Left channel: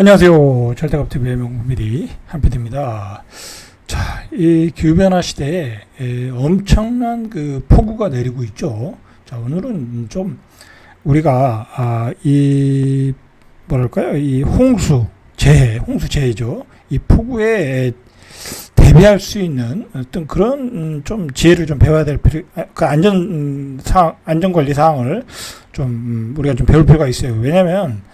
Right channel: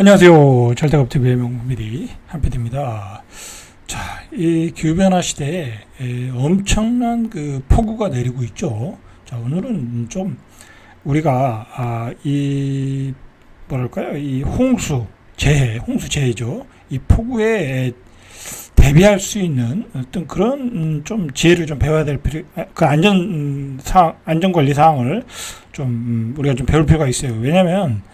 안녕하세요. 잘돼갑TV의 명미리 한PD입니다. 자, 이 기후변화 시대에 엄청난 그 폭우가 내리고 있죠. 자, 오늘은 좀 우리가 이 뭐랄까요? 이 홍수 재해죠. 이 폭우에 대비할 수 있는 어떤 그런 좀 지혜를 좀 배워야 될 그 안전관리 사항을 좀 우리가 좀 배울 필요가 있어요. 왜냐면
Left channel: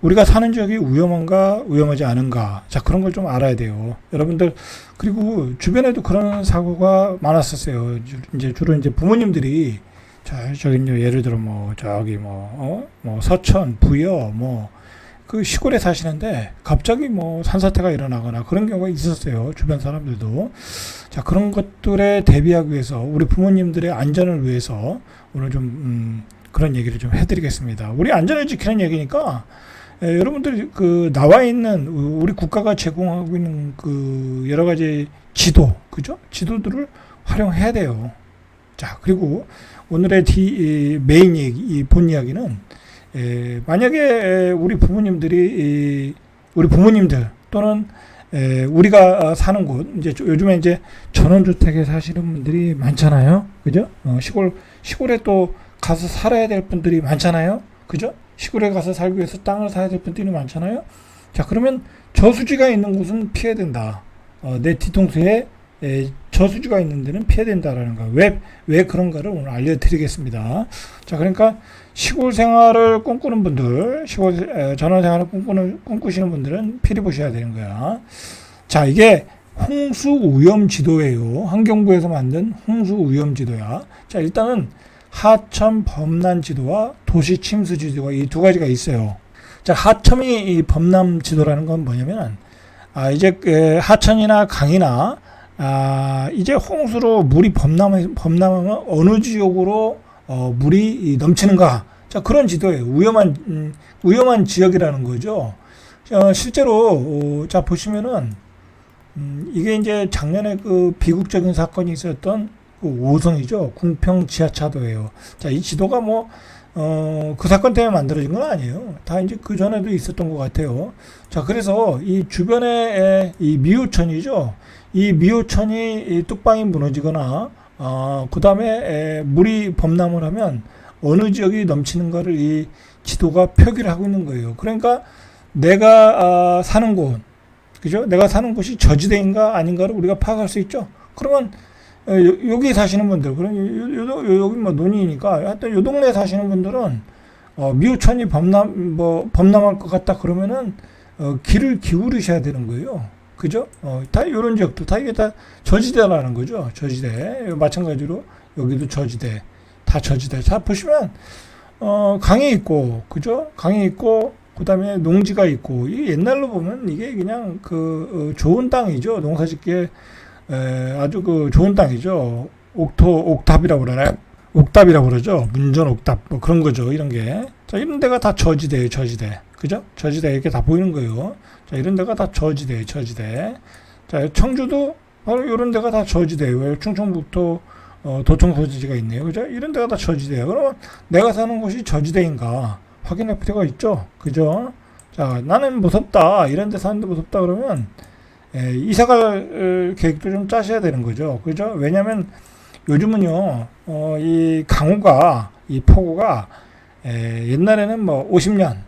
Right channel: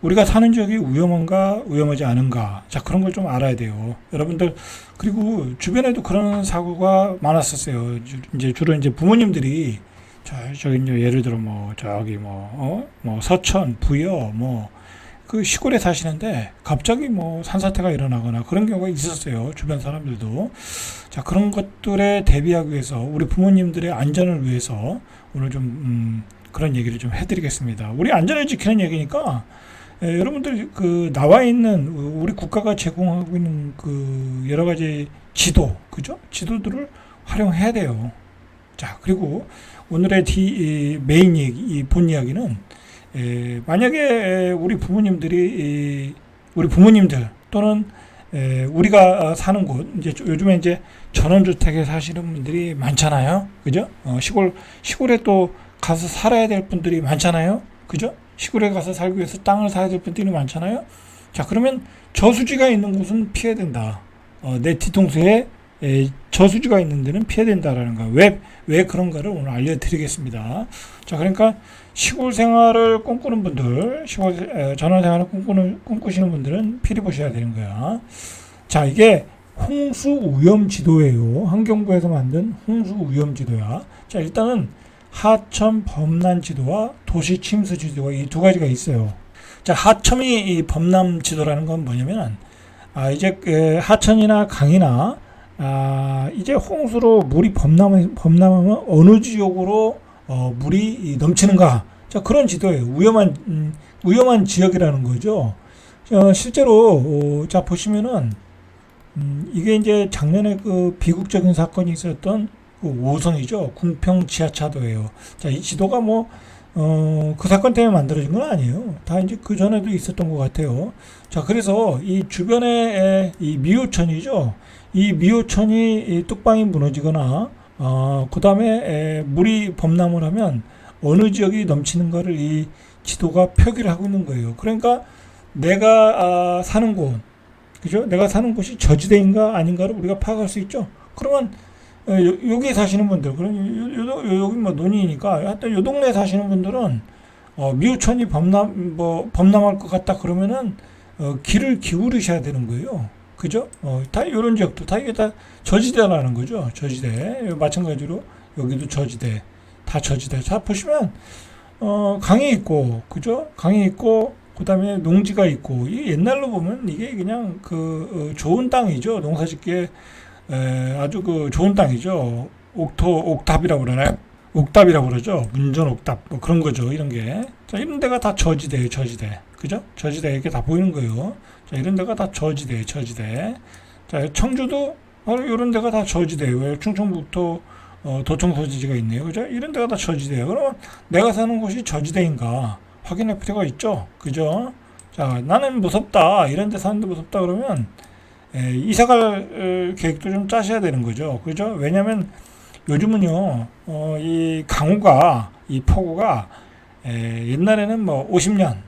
우리가 사는 지역이 위험한가 위험하지 않은가, 자, 그런 걸 좀 알아야 돼요, 여러분들. 그리고 주변에도 그런 사고가 많았었어요. 이제 주로 이제 부모님들이, 자, 저기 예를 들어 뭐 저기 뭐 서천, 부여 뭐 그 시골에 사시는데 갑자기 뭐 산사태가 일어나거나 그런 경우가 있었어요, 주변 사람들도. 자, 그런 것들에 대비하기 위해서 우리 부모님들의 안전을 위해서 오늘 좀 그런 얘기를 좀 해드리겠습니다. 우리 안전을 지키는 얘기니까 여러분들 그 나와 있는 우리 국가가 제공하고 있는 그 여러 가지 지도, 그죠? 지도들을 활용해야 돼요. 자, 그리고 오늘의 메인 얘기, 본 이야기는 만약에 우리 부모님들 또는 우리가 사는 곳, 이제 요즘에 이제 전원주택에 사시는 분들이 많잖아요, 그죠? 시골에 또 가서 살아야 될 분들이 많잖아요, 그죠? 시골에 가서 살기 위해서 땅을 사야 될 분들이 많잖아요. 자, 그러면 저수지가 있는 곳은 피해야 된다. 내 뒤통수에 저수지가 있는 데는 피해야 된다라는 거. 왜 그런가를 오늘 알려드리겠습니다. 자, 그러니까 시골 생활을 꿈꾸는 분들, 전원 생활을 꿈꾸시는 분들은 필히 보셔야 되는 거야. 자, 이게 홍수 위험 지도예요. 환경부에서 만든 홍수 위험 지도야. 자, 일단은 하천 범람 지도와 도시 침수 지도가 이 두 가지가 있어요. 자, 하천이 이 범람 지도라는 건 뭐냐면, 이제 하천이나 강이나 이제 홍수로 물이 범람하면 어느 지역으로 물이 넘치는가. 자, 그런 지도예요. 위험한 지역이라는 거죠. 실제로 자, 보시면은 이게 이제 작년에 그 비극적인 사건이 있었던 그 5성이죠. 궁평 지하차도예요. 자, 이 지도가 그 사건 때문에 만들어진 건 아니에요. 다 이제 그 전에도 있었던 것 같아요. 자, 그래서 이 주변에 이 미호천이죠. 이 미호천이 뚝방이 무너지거나, 그 다음에 물이 범람을 하면 어느 지역이 넘치는 거를 이 지도가 표기를 하고 있는 거예요. 그러니까 내가 사는 곳, 그죠? 내가 사는 곳이 저지대인가 아닌가를 우리가 파악할 수 있죠. 그러면 여기 사시는 분들, 그럼 여기 뭐 논이니까, 하여튼 요 동네에 사시는 분들은, 미호천이 범람할 것 같다 그러면은, 귀를 기울이셔야 되는 거예요. 그죠? 다 요런 지역도, 다 이게 다 저지대라는 거죠. 저지대. 마찬가지로, 여기도 저지대. 다 저지대. 자, 보시면, 강이 있고, 그죠? 강이 있고, 그 다음에 농지가 있고, 이 옛날로 보면 이게 그냥 좋은 땅이죠. 농사 짓기에 아주 그 좋은 땅이죠. 옥탑이라고 그러나요? 옥탑이라고 그러죠. 문전 옥탑 뭐 그런 거죠. 이런 게. 자, 이런 데가 다 저지대예요. 저지대. 그죠? 저지대 이렇게 다 보이는 거예요. 자, 이런 데가 다 저지대예요. 저지대. 자, 청주도 바로 이런 데가 다 저지대예요. 충청북도 도청 소지지가 있네요. 그죠? 이런 데가 다 저지대예요. 그러면 내가 사는 곳이 저지대인가 확인할 필요가 있죠. 그죠? 자, 나는 무섭다. 이런 데 사는데 무섭다 그러면 이사갈 계획도 좀 짜셔야 되는 거죠. 그죠? 왜냐면 요즘은요, 이 강우가, 이 폭우가, 옛날에는 뭐 50년,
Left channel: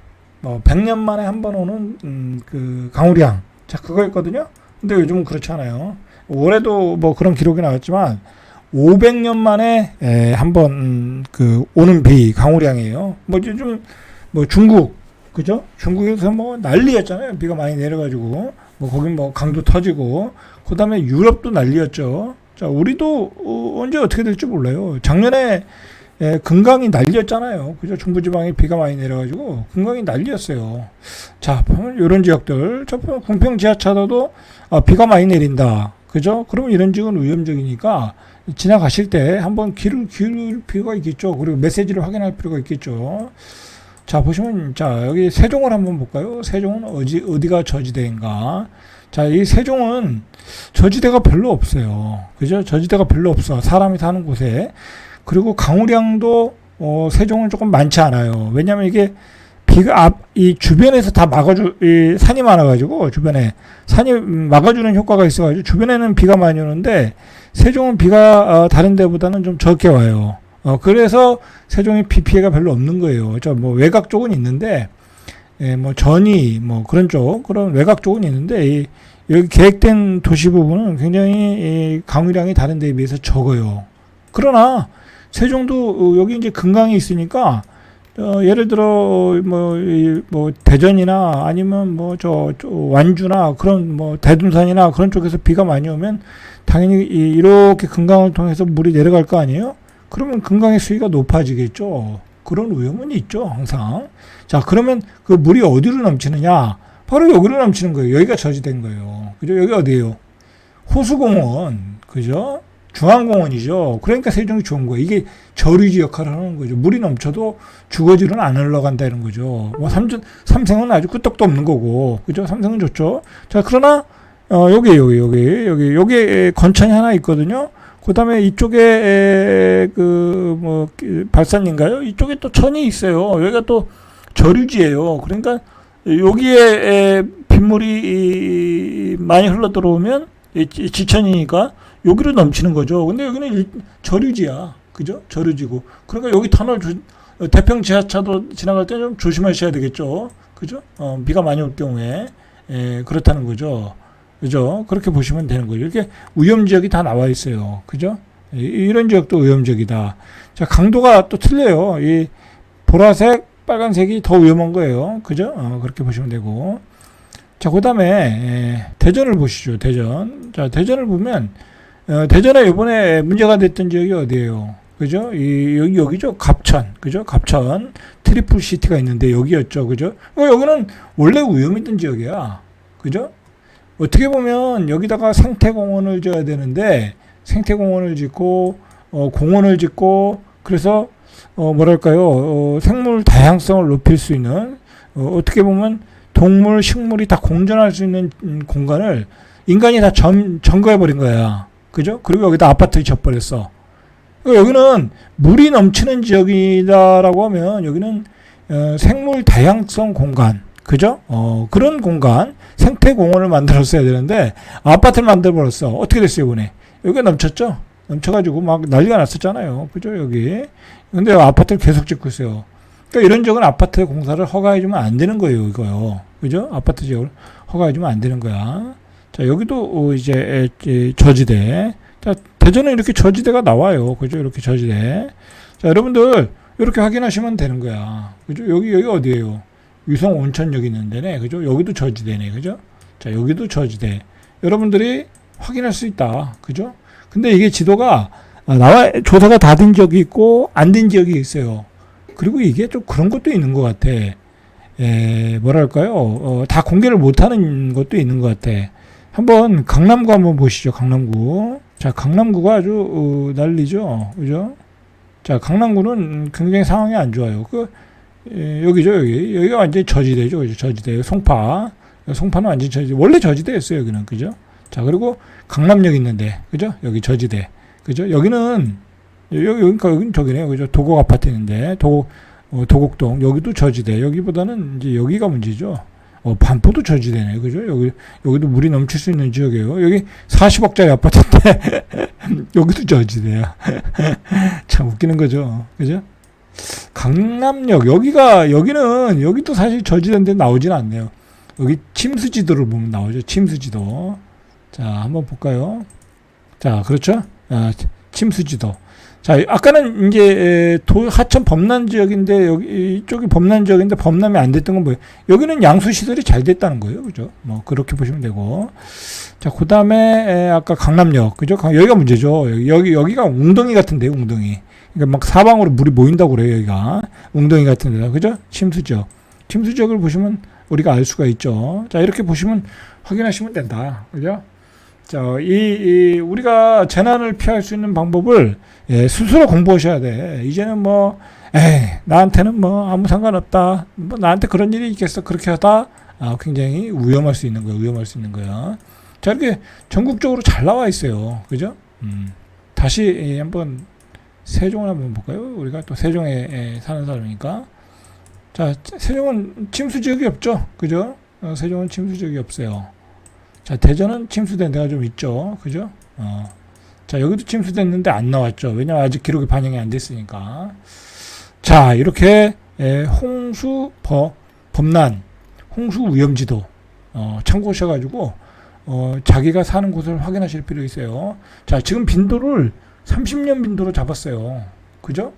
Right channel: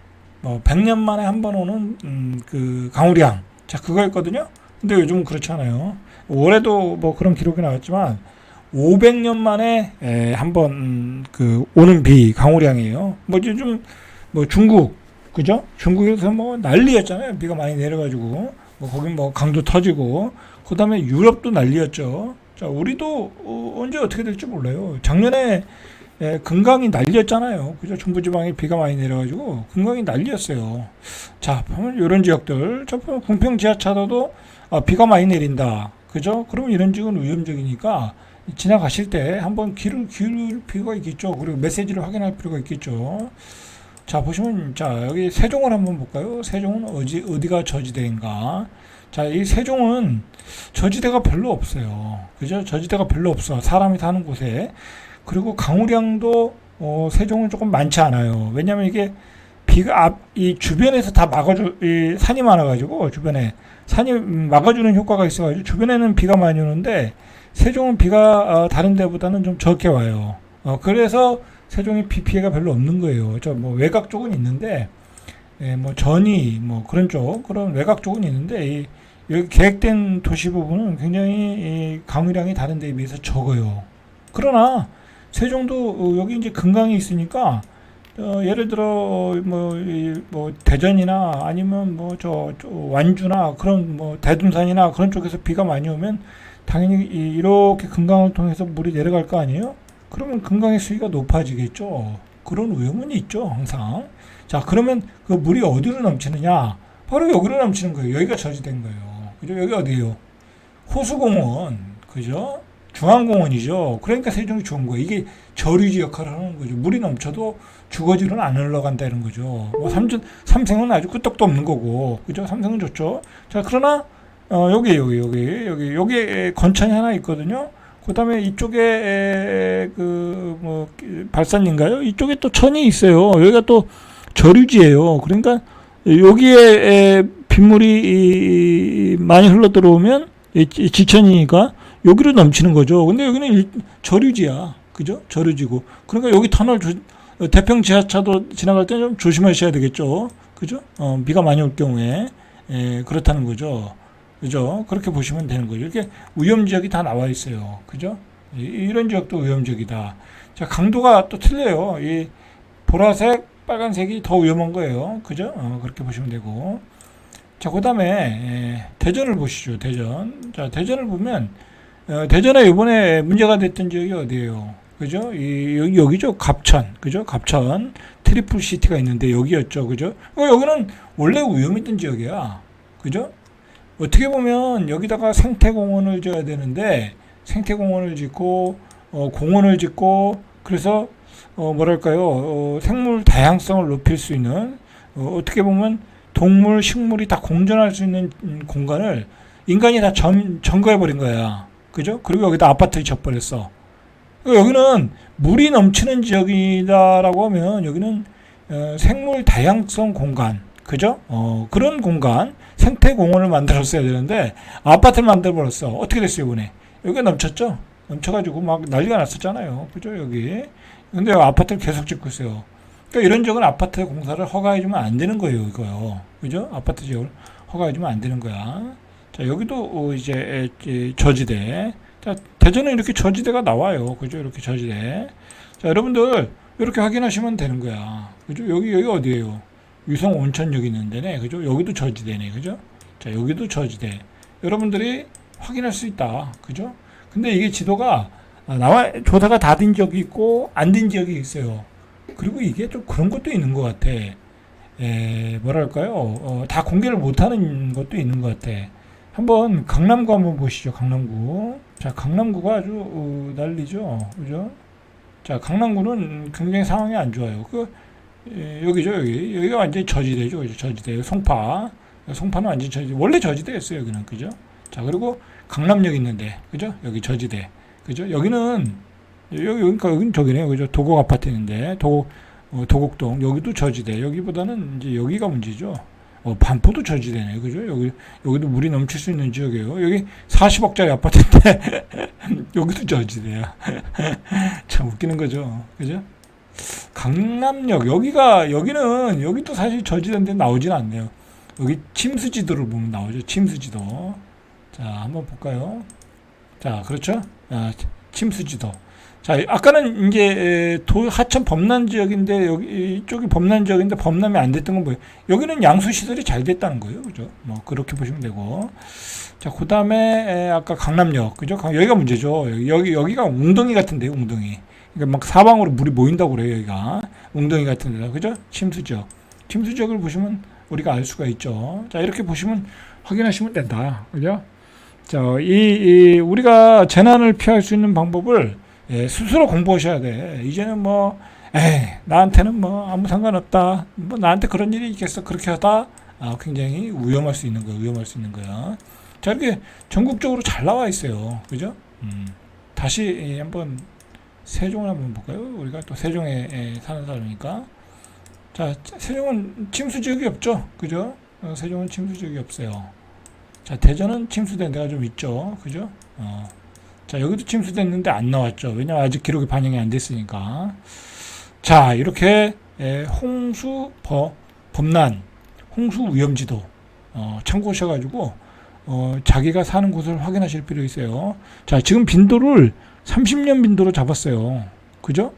뭐 100년 만에 한 번 오는, 그 강우량. 자, 그거였거든요. 근데 요즘은 그렇지 않아요. 올해도 뭐 그런 기록이 나왔지만, 500년 만에, 한 번, 오는 강우량이에요. 뭐 요즘, 뭐 중국, 그죠? 중국에서 뭐 난리였잖아요. 비가 많이 내려가지고. 거긴 강도 터지고, 그 다음에 유럽도 난리였죠. 자, 우리도 언제 어떻게 될지 몰라요. 작년에 금강이 난리였잖아요. 그죠? 중부지방에 비가 많이 내려가지고 금강이 난리였어요. 자, 보면 이런 지역들, 저 궁평 지하차도도 비가 많이 내린다. 그죠? 그러면 이런 지역은 위험적이니까 지나가실 때 한번 귀를 기울일 필요가 있겠죠. 그리고 메시지를 확인할 필요가 있겠죠. 자, 보시면, 자, 여기 세종을 한번 볼까요? 세종은 어디가 저지대인가? 자, 이 세종은 저지대가 별로 없어요. 그죠? 저지대가 별로 없어. 사람이 사는 곳에. 그리고 강우량도, 세종은 조금 많지 않아요. 왜냐면 이게 비가 이 주변에서 다 이 산이 많아가지고 주변에 산이 막아주는 효과가 있어가지고 주변에는 비가 많이 오는데 세종은 비가 다른 데보다는 좀 적게 와요. 그래서 세종이 비 피해가 별로 없는 거예요. 저 뭐 외곽 쪽은 있는데 뭐 전이 뭐 그런 쪽 그런 외곽 쪽은 있는데 여기 계획된 도시 부분은 굉장히 강우량이 다른 데에 비해서 적어요. 그러나 세종도 여기 이제 금강이 있으니까 예를 들어 뭐 대전이나 아니면 뭐 저 완주나 그런 뭐 대둔산이나 그런 쪽에서 비가 많이 오면 당연히 이렇게 금강을 통해서 물이 내려갈 거 아니에요? 그러면 금강의 수위가 높아지겠죠. 그런 위험은 있죠, 항상. 자, 그러면 그 물이 어디로 넘치느냐? 바로 여기로 넘치는 거예요. 여기가 저지된 거예요. 그죠? 여기 어디예요? 호수공원, 그죠? 중앙공원이죠. 그러니까 세종이 좋은 거예요. 이게 저류지 역할을 하는 거죠. 물이 넘쳐도 주거지로는 안 흘러간다 이런 거죠. 뭐 삼성은 아주 끄떡도 없는 거고, 그죠? 삼성은 좋죠. 자, 그러나 여기에 건천이 하나 있거든요. 그 다음에 이쪽에 발산인가요? 이쪽에 또 천이 있어요. 여기가 또 저류지예요. 그러니까 여기에 빗물이 많이 흘러 들어오면 지천이니까 여기로 넘치는 거죠. 근데 여기는 저류지야. 그죠? 저류지고. 그러니까 여기 터널 태평 지하차도 지나갈 때 좀 조심하셔야 되겠죠. 그죠? 비가 많이 올 경우에 그렇다는 거죠. 그죠? 그렇게 보시면 되는 거죠. 이렇게 위험 지역이 다 나와 있어요. 그죠? 이런 지역도 위험 지역이다. 자, 강도가 또 틀려요. 이 보라색, 빨간색이 더 위험한 거예요. 그죠? 그렇게 보시면 되고. 자, 그 다음에 대전을 보시죠. 대전. 자, 대전을 보면 대전에 이번에 문제가 됐던 지역이 어디예요? 그죠? 여기죠. 갑천. 그죠? 갑천. 트리플 시티가 있는데 여기였죠. 그죠? 여기는 원래 위험했던 지역이야. 그죠? 어떻게 보면 여기다가 생태공원을 지어야 되는데 생태공원을 짓고 공원을 짓고 그래서 생물 다양성을 높일 수 있는 어떻게 보면 동물, 식물이 다 공존할 수 있는 공간을 인간이 다 점거해 버린 거야. 그죠? 그리고 여기다 아파트를 짓버렸어. 여기는 물이 넘치는 지역이다라고 하면 여기는 생물 다양성 공간, 그죠? 그런 공간, 생태공원을 만들었어야 되는데 아파트를 만들어버렸어. 어떻게 됐어요, 이번에? 여기가 넘쳤죠? 넘쳐가지고 막 난리가 났었잖아요. 그죠? 여기. 근데 아파트를 계속 짓고 있어요. 그러니까 이런 지역은 아파트 공사를 허가해주면 안 되는 거예요, 이거요. 그죠? 아파트 지역을 허가해주면 안 되는 거야. 자, 여기도 이제 저지대. 자, 대전은 이렇게 저지대가 나와요. 그죠? 이렇게 저지대. 자, 여러분들 이렇게 확인하시면 되는 거야. 그죠? 여기 어디예요? 유성 온천역이 있는 데네. 그죠? 여기도 저지대네. 그죠? 자, 여기도 저지대. 여러분들이 확인할 수 있다. 그죠? 근데 이게 지도가 조사가 다 된 지역이 있고 안 된 지역이 있어요. 그리고 이게 좀 그런 것도 있는 것 같아. 뭐랄까요? 다 공개를 못하는 것도 있는 것 같아. 한번 강남구 한번 보시죠. 강남구. 자, 강남구가 아주 난리죠. 그죠? 자, 강남구는 굉장히 상황이 안 좋아요. 여기죠. 여기가 완전히 저지대죠. 그죠? 저지대. 송파는 완전히 저지대. 원래 저지대였어요. 여기는. 그죠? 자, 그리고 강남역 있는데. 그죠? 여기 저지대. 그죠? 여기는 여기는 저기네요. 그죠? 도곡 아파트 있는데. 도곡동. 여기도 저지대. 여기보다는 이제 여기가 문제죠. 반포도 저지대네. 그죠? 여기도 물이 넘칠 수 있는 지역이에요. 여기 40억짜리 아파트인데, 여기도 저지대야. 참 웃기는 거죠. 그죠? 강남역, 여기도 사실 저지대인데 나오진 않네요. 여기 침수지도를 보면 나오죠. 침수지도. 자, 한번 볼까요? 자, 그렇죠? 침수지도. 자, 아까는 이제 하천 범람 지역인데 이쪽이 범람 지역인데 범람이 안 됐던 건 뭐예요? 여기는 양수 시설이 잘 됐다는 거예요, 그죠? 뭐 그렇게 보시면 되고. 자, 그 다음에 아까 강남역, 그죠? 여기가 문제죠. 여기가 웅덩이 같은데, 웅덩이. 그러니까 막 사방으로 물이 모인다고 그래요, 여기가 웅덩이 같은 데다, 그죠? 침수지역을 보시면 우리가 알 수가 있죠. 자, 이렇게 보시면 확인하시면 된다, 그죠? 자, 우리가 재난을 피할 수 있는 방법을 스스로 공부하셔야 돼. 이제는 나한테는 아무 상관없다. 나한테 그런 일이 있겠어. 그렇게 하다, 굉장히 위험할 수 있는 거야. 자, 이렇게 전국적으로 잘 나와 있어요. 그죠? 다시 한번 세종을 한번 볼까요? 우리가 또 세종에 사는 사람이니까. 자, 자, 세종은 침수 지역이 없죠. 그죠? 세종은 침수 지역이 없어요. 자, 대전은 침수된 데가 좀 있죠. 그죠? 자, 여기도 침수됐는데 안 나왔죠. 왜냐면 아직 기록이 반영이 안 됐으니까. 자, 이렇게 홍수 범람, 홍수 위험지도 참고하셔가지고 자기가 사는 곳을 확인하실 필요 있어요. 자, 지금 빈도를 30년 빈도로 잡았어요. 그죠?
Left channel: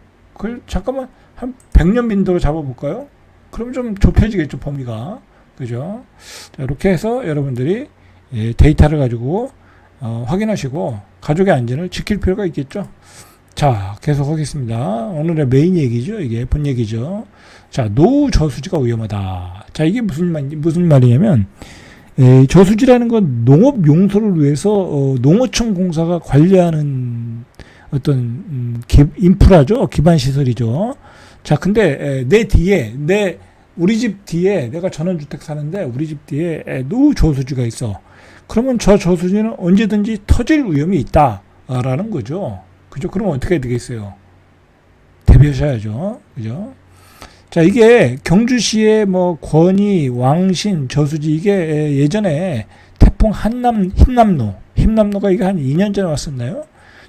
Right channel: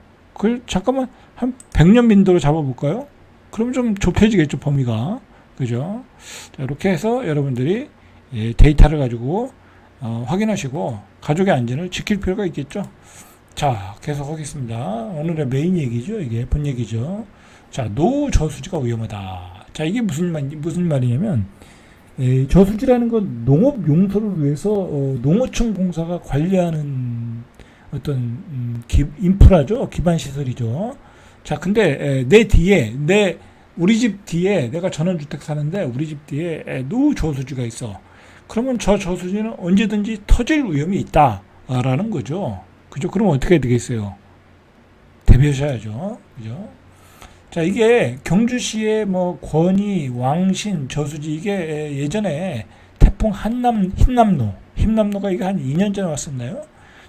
잠깐만 한 100년 빈도로 잡아볼까요? 그럼 좀 좁혀지겠죠, 범위가. 그죠? 자, 이렇게 해서 여러분들이 데이터를 가지고 확인하시고 가족의 안전을 지킬 필요가 있겠죠. 자, 계속 하겠습니다. 오늘의 메인 얘기죠. 이게 본 얘기죠. 자, 노후 저수지가 위험하다. 자, 이게 무슨 말이냐면 저수지라는 건 농업 용도를 위해서 농어촌 공사가 관리하는 어떤 인프라죠. 기반 시설이죠. 자, 근데 우리 집 뒤에 내가 전원주택 사는데 우리 집 뒤에 노후 저수지가 있어. 그러면 저 저수지는 언제든지 터질 위험이 있다라는 거죠. 그죠? 그러면 어떻게 해야 되겠어요? 대비하셔야죠. 그죠? 자, 이게 경주시의 뭐 권희, 왕신, 저수지 이게 예전에 태풍 흰남노가 이게 한 2년 전에 왔었나요?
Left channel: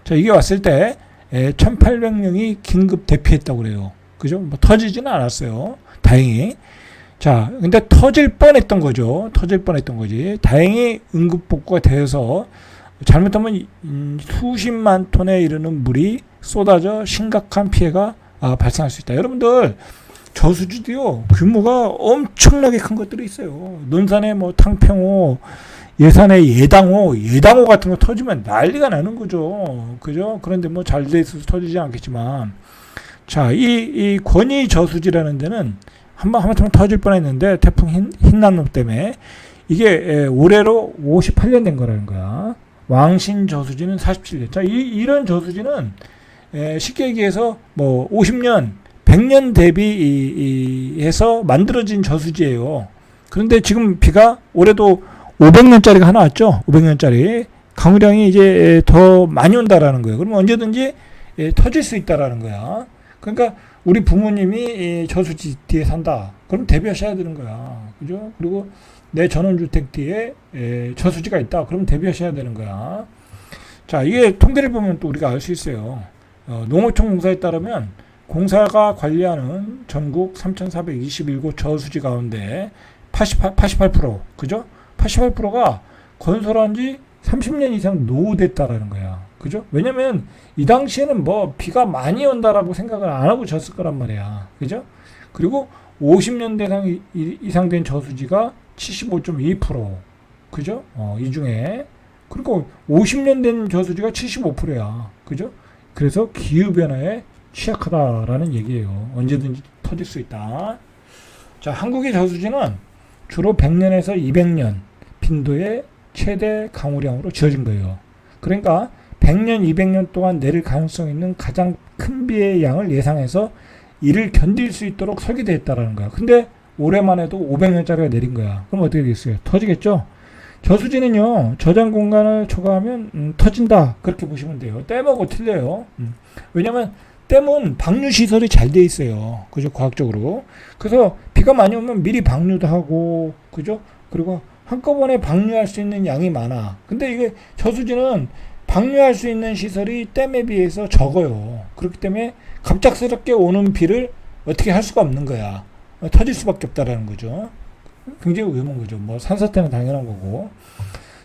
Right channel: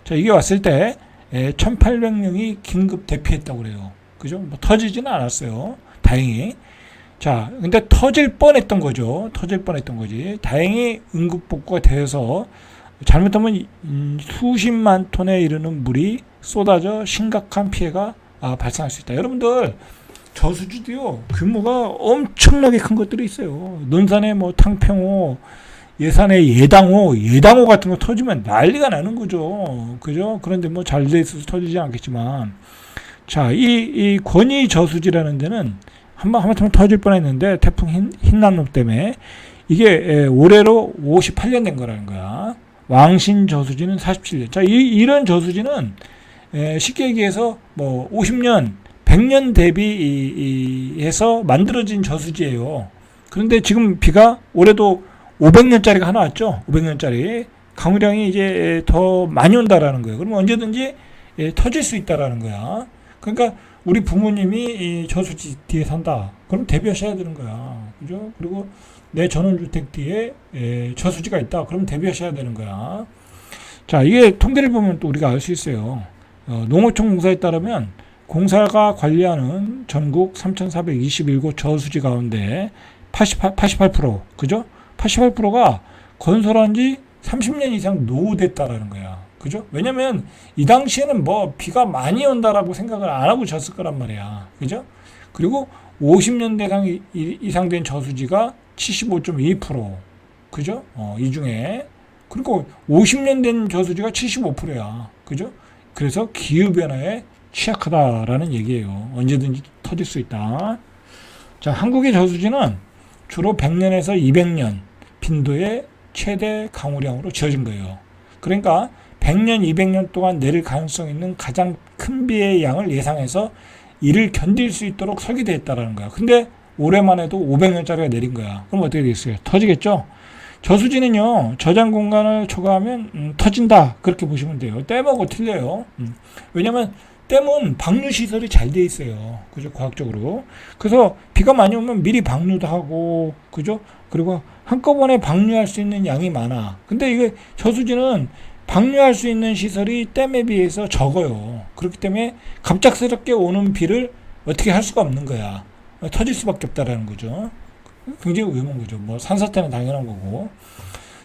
자, 이게 왔을 때 1,800명이 긴급 대피했다고 그래요. 그죠? 뭐 터지지는 않았어요. 다행히. 자, 근데 터질 뻔했던 거죠. 다행히 응급복구가 되어서 잘못하면 수십만 톤에 이르는 물이 쏟아져 심각한 피해가 발생할 수 있다. 여러분들 저수지도요 규모가 엄청나게 큰 것들이 있어요. 논산의 뭐 탕평호, 예산의 예당호 같은 거 터지면 난리가 나는 거죠. 그죠? 그런데 뭐 잘 돼 있어서 터지지 않겠지만, 자, 이 권희 저수지라는 데는 하마터면 터질 뻔했는데 태풍 흰남노 때문에 이게 올해로 58년 된 거라는 거야. 왕신 저수지는 47년. 자, 이런 저수지는 쉽게 얘기해서 뭐 50년, 100년 대비해서 만들어진 저수지예요. 그런데 지금 비가 올해도 500년짜리가 하나 왔죠. 500년짜리. 강우량이 이제 더 많이 온다라는 거예요. 그러면 언제든지 터질 수 있다라는 거야. 그러니까 우리 부모님이 저수지 뒤에 산다. 그럼 대비하셔야 되는 거야. 그죠? 그리고 내 전원주택 뒤에 저수지가 있다. 그럼 대비하셔야 되는 거야. 자, 이게 통계를 보면 또 우리가 알 수 있어요. 농어촌 공사에 따르면 공사가 관리하는 전국 3,421곳 저수지 가운데 88%, 그죠? 88%가 건설한 지 30년 이상 노후됐다라는 거야. 그죠? 왜냐면 이 당시에는 뭐 비가 많이 온다라고 생각을 안 하고 졌을 거란 말이야. 그죠? 그리고 50년 이상 된 저수지가 75.2%. 그죠? 이 중에. 그리고 50년 된 저수지가 75%야. 그죠? 그래서 기후변화에 취약하다라는 얘기예요. 언제든지 터질 수 있다. 자, 한국의 저수지는 주로 100년에서 200년 빈도의 최대 강우량으로 지어진 거예요. 그러니까 100년, 200년 동안 내릴 가능성 있는 가장 큰 비의 양을 예상해서 이를 견딜 수 있도록 설계되었다라는 거야. 근데 올해만 해도 500년짜리가 내린 거야. 그럼 어떻게 되겠어요? 터지겠죠? 저수지는요, 저장 공간을 초과하면 터진다. 그렇게 보시면 돼요. 댐하고 틀려요. 왜냐면 댐은 방류 시설이 잘 돼 있어요. 그죠? 과학적으로. 그래서 비가 많이 오면 미리 방류도 하고, 그죠? 그리고 한꺼번에 방류할 수 있는 양이 많아. 근데 이게 저수지는 방류할 수 있는 시설이 댐에 비해서 적어요. 그렇기 때문에 갑작스럽게 오는 비를 어떻게 할 수가 없는 거야. 터질 수밖에 없다라는 거죠. 굉장히 위험한 거죠. 뭐 산사태는 당연한 거고.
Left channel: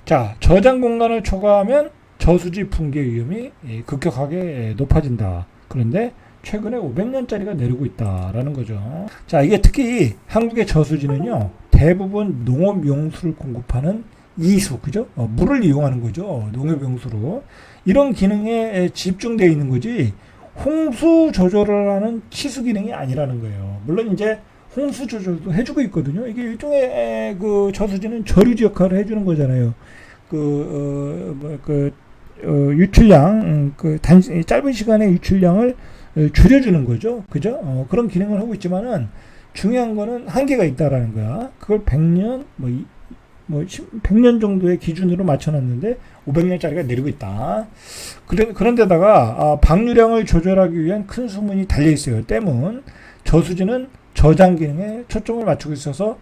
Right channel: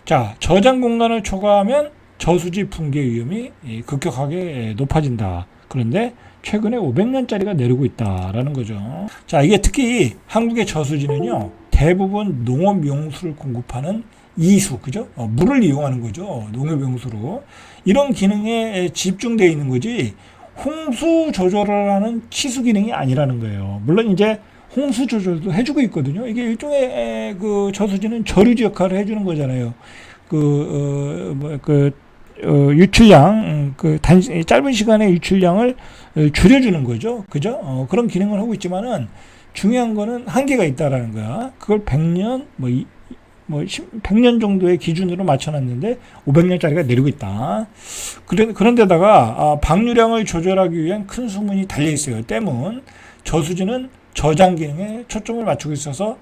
자, 저장 공간을 초과하면 저수지 붕괴 위험이 급격하게 높아진다. 그런데 최근에 500년짜리가 내리고 있다라는 거죠. 자, 이게 특히 한국의 저수지는요, 대부분 농업용수를 공급하는 이수, 그죠? 물을 이용하는 거죠. 농업용수로. 이런 기능에 집중되어 있는 거지, 홍수 조절을 하는 치수 기능이 아니라는 거예요. 물론 이제 홍수 조절도 해주고 있거든요. 이게 일종의 그 저수지는 저류지 역할을 해주는 거잖아요. 유출량, 짧은 시간의 유출량을 줄여주는 거죠. 그죠? 그런 기능을 하고 있지만은 중요한 거는 한계가 있다라는 거야. 그걸 100년, 100년 정도의 기준으로 맞춰놨는데 500년짜리가 내리고 있다. 그런데다가 방류량을 조절하기 위한 큰 수문이 달려 있어요. 댐은. 저수지는 저장 기능에 초점을 맞추고 있어서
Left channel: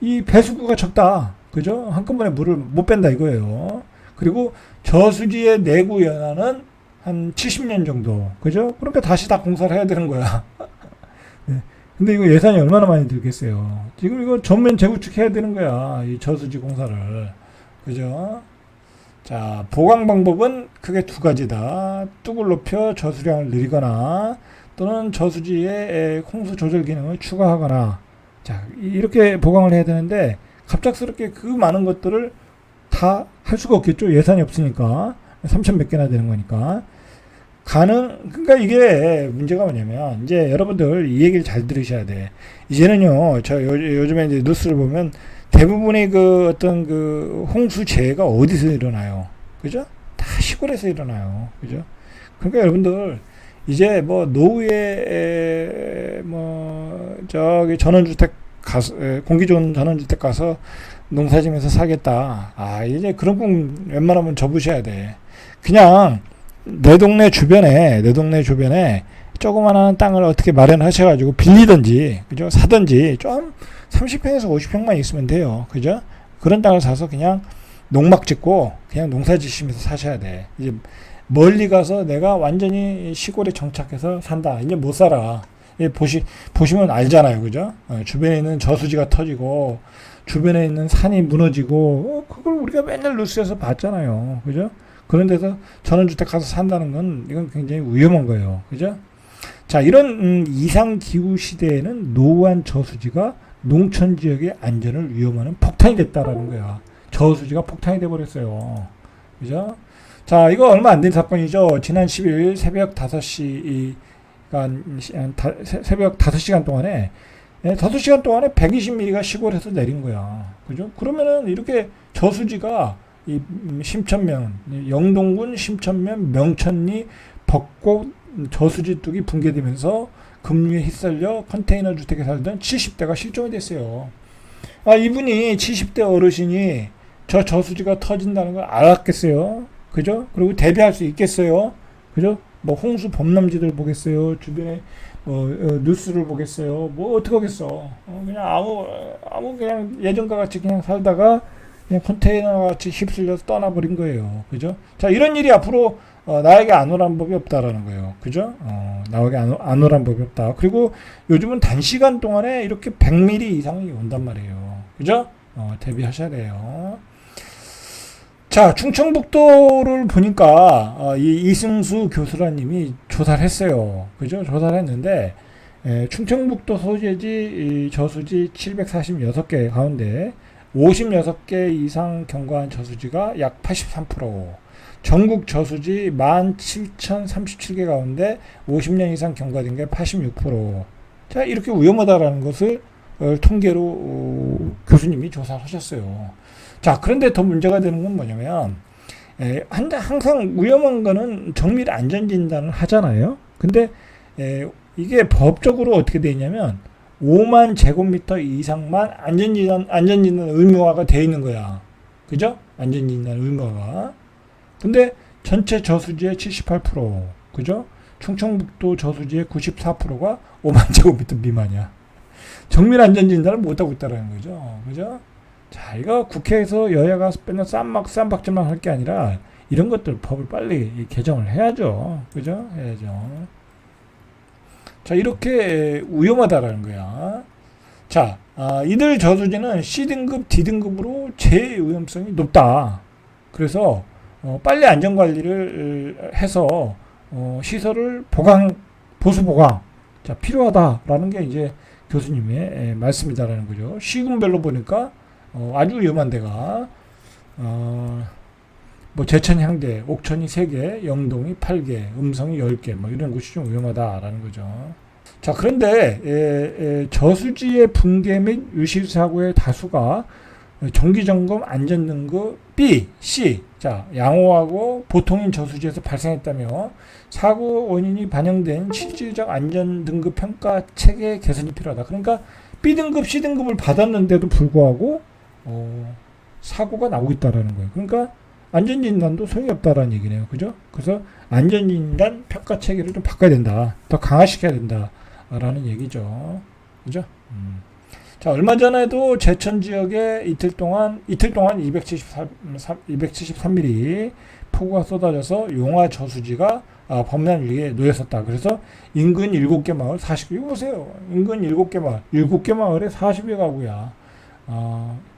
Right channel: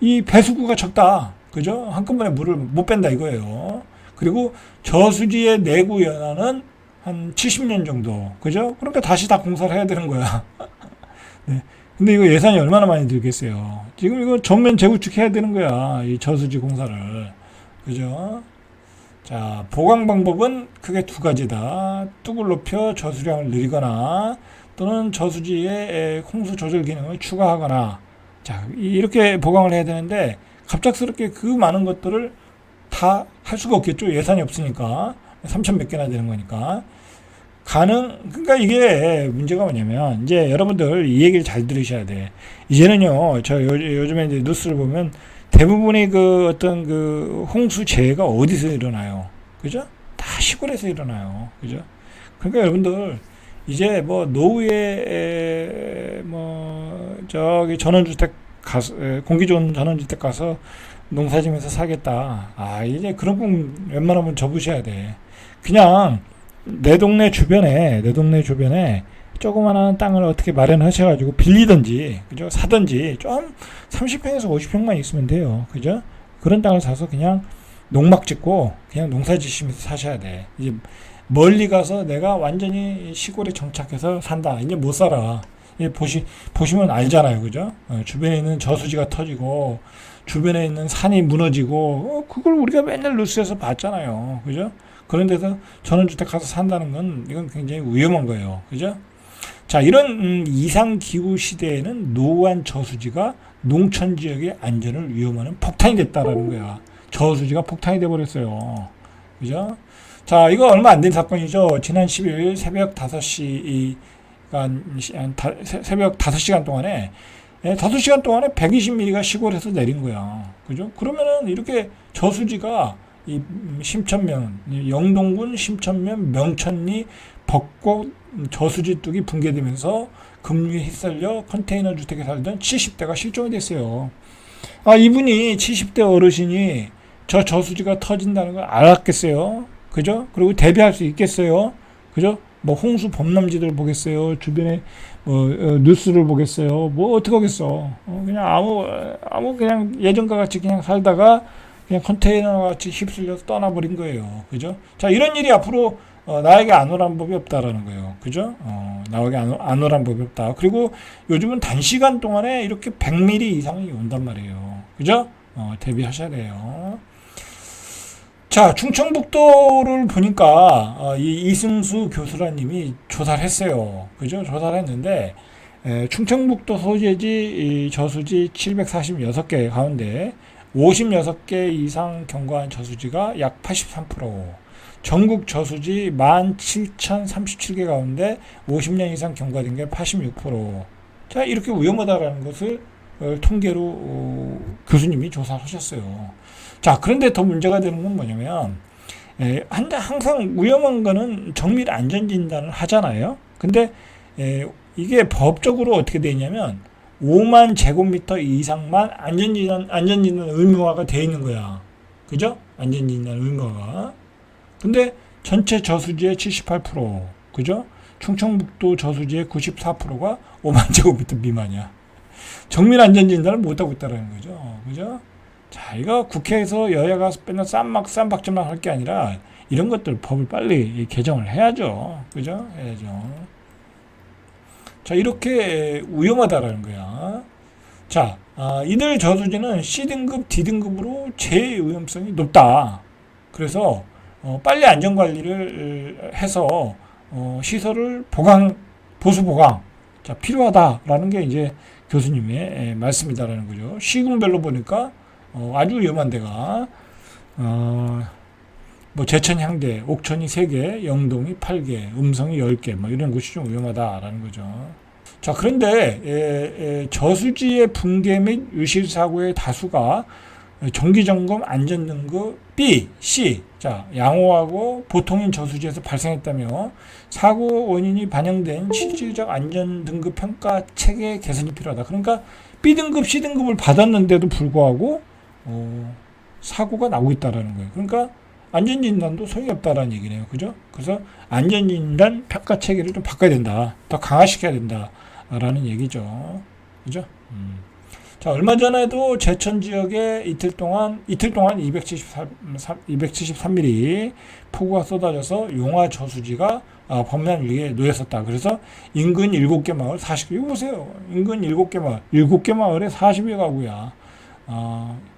이 배수구가 적다. 그죠? 한꺼번에 물을 못 뺀다 이거예요. 그리고 저수지의 내구 연한은 한 70년 정도. 그죠? 그러니까 다시 다 공사를 해야 되는 거야. 네. 근데 이거 예산이 얼마나 많이 들겠어요. 지금 이거 전면 재구축 해야 되는 거야. 이 저수지 공사를. 그죠? 자, 보강 방법은 크게 두 가지다. 뚝을 높여 저수량을 늘리거나 또는 저수지에 홍수 조절 기능을 추가하거나. 자, 이렇게 보강을 해야 되는데 갑작스럽게 그 많은 것들을 다 할 수가 없겠죠. 예산이 없으니까. 3천 몇 개나 되는 거니까. 그러니까 이게 문제가 뭐냐면, 이제 여러분들 이 얘기를 잘 들으셔야 돼. 이제는요, 요즘에 이제 뉴스를 보면 대부분의 그 어떤 그 홍수 재해가 어디서 일어나요? 그죠? 다 시골에서 일어나요. 그죠? 그러니까 여러분들, 이제 뭐 노후에 저기 전원주택 가서, 공기 좋은 전원주택 가서 농사지면서 살겠다. 이제 그런 꿈 웬만하면 접으셔야 돼. 그냥 내 동네 주변에 조그만한 땅을 어떻게 마련하셔가지고 빌리든지, 그죠? 사든지, 좀 30평에서 50평만 있으면 돼요. 그죠? 그런 땅을 사서 그냥 농막 짓고 그냥 농사 지시면서 사셔야 돼. 이제 멀리 가서 내가 완전히 시골에 정착해서 산다. 이제 못 살아. 보시면 알잖아요. 그죠? 주변에 있는 저수지가 터지고, 주변에 있는 산이 무너지고, 그걸 우리가 맨날 뉴스에서 봤잖아요. 그죠? 그런 데서 전원주택 가서 산다는 건 이건 굉장히 위험한 거예요. 그죠? 자, 이런 이상기후 시대에는 노후한 저수지가 농촌 지역의 안전을 위험하는 폭탄이 됐다라는 거야. 저수지가 폭탄이 돼버렸어요. 그죠? 자, 이거 얼마 안 된 사건이죠. 지난 10일 새벽 5시, 새벽 5시간 동안에 5시간 동안에 120mm가 시골에서 내린 거야. 그죠? 그러면은 이렇게 저수지가 이 심천면, 영동군 심천면 명천리 벚꽃 저수지 뚝이 붕괴되면서 급류에 휩쓸려 컨테이너 주택에 살던 70대가 실종이 됐어요. 이분이 70대 어르신이 저 저수지가 터진다는 걸 알았겠어요. 그죠? 그리고 대비할 수 있겠어요. 그죠? 뭐 홍수 범람지들 보겠어요. 주변에 뉴스를 보겠어요. 뭐 어떻게 하겠어? 그냥 아무 그냥 예전과 같이 그냥 살다가 그냥 컨테이너 같이 휩쓸려서 떠나버린 거예요. 그죠? 자, 이런 일이 앞으로 나에게 안 오란 법이 없다라는 거예요. 그죠? 나에게 안 오란 법이 없다. 그리고 요즘은 단시간 동안에 이렇게 100mm 이상이 온단 말이에요. 그죠? 대비하셔야 돼요. 자, 충청북도를 보니까 이 이승수 교수라님이 조사를 했어요. 그죠? 조사를 했는데 충청북도 소재지 저수지 746개 가운데 56개 이상 경과한 저수지가 약 83%, 전국 저수지 17,037개 가운데 50년 이상 경과된 게 86%. 자, 이렇게 위험하다라는 것을 통계로 교수님이 조사를 하셨어요. 자, 그런데 더 문제가 되는 건 뭐냐면, 항상 위험한 거는 정밀 안전진단을 하잖아요. 근데 이게 법적으로 어떻게 되냐면 5만 제곱미터 이상만 안전진단 의무화가 되어 있는 거야. 그죠? 안전진단 의무화가. 근데 전체 저수지의 78%, 그죠? 충청북도 저수지의 94%가 5만 제곱미터 미만이야. 정밀 안전진단을 못하고 있다는 거죠. 그죠? 자, 이거 국회에서 여야가 맨날 쌈박질만 할 게 아니라 이런 것들 법을 빨리 개정을 해야죠. 그죠? 해야죠. 자, 이렇게 위험하다라는 거야. 자, 이들 저수지는 C등급, D등급으로 제일 위험성이 높다. 그래서 빨리 안전관리를 해서 시설을 보수 보강, 자, 필요하다라는 게 이제 교수님의 말씀이다라는 거죠. 시군별로 보니까 아주 위험한 데가 제천 향대, 옥천이 3개, 영동이 8개, 음성이 10개, 이런 곳이 좀 위험하다라는 거죠. 자, 그런데 저수지의 붕괴 및 유실 사고의 다수가 정기점검 안전등급 B, C, 자, 양호하고 보통인 저수지에서 발생했다며 사고 원인이 반영된 실질적 안전등급 평가 체계 개선이 필요하다. 그러니까 B등급, C등급을 받았는데도 불구하고 사고가 나고 있다라는 거예요. 그러니까 안전진단도 소용이 없다라는 얘기네요. 그죠? 그래서 안전진단 평가 체계를 좀 바꿔야 된다. 더 강화시켜야 된다라는 얘기죠. 그죠? 자, 얼마 전에도 제천 지역에 이틀 동안 273mm 폭우가 쏟아져서 용화 저수지가 범람 위기에 놓였었다. 그래서 인근 7개 마을 40개, 이거 보세요. 인근 7개 마을, 7개 마을에 40여 가구야.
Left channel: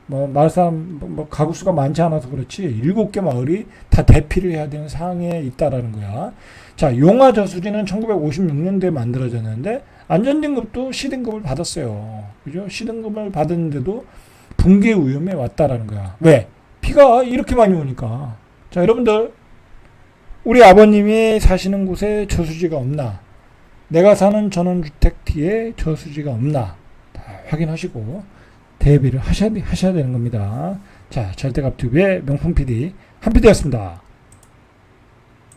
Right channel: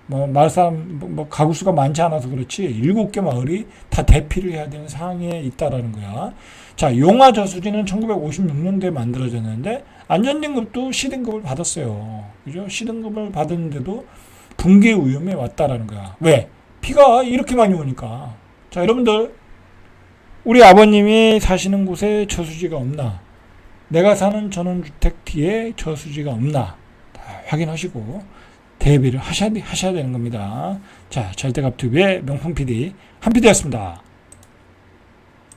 마을 사람, 가구 수가 많지 않아서 그렇지, 7개 마을이 다 대피를 해야 되는 상황에 있다라는 거야. 자, 용화 저수지는 1956년도에 만들어졌는데, 안전등급도 C등급을 받았어요. 그죠? C등급을 받았는데도 붕괴 위험에 왔다라는 거야. 왜? 비가 이렇게 많이 오니까. 자, 여러분들, 우리 아버님이 사시는 곳에 저수지가 없나? 내가 사는 전원주택 뒤에 저수지가 없나? 확인하시고 대비를 하셔야 되는 겁니다. 자, 절대갑TV의 명품 PD, 한 PD였습니다.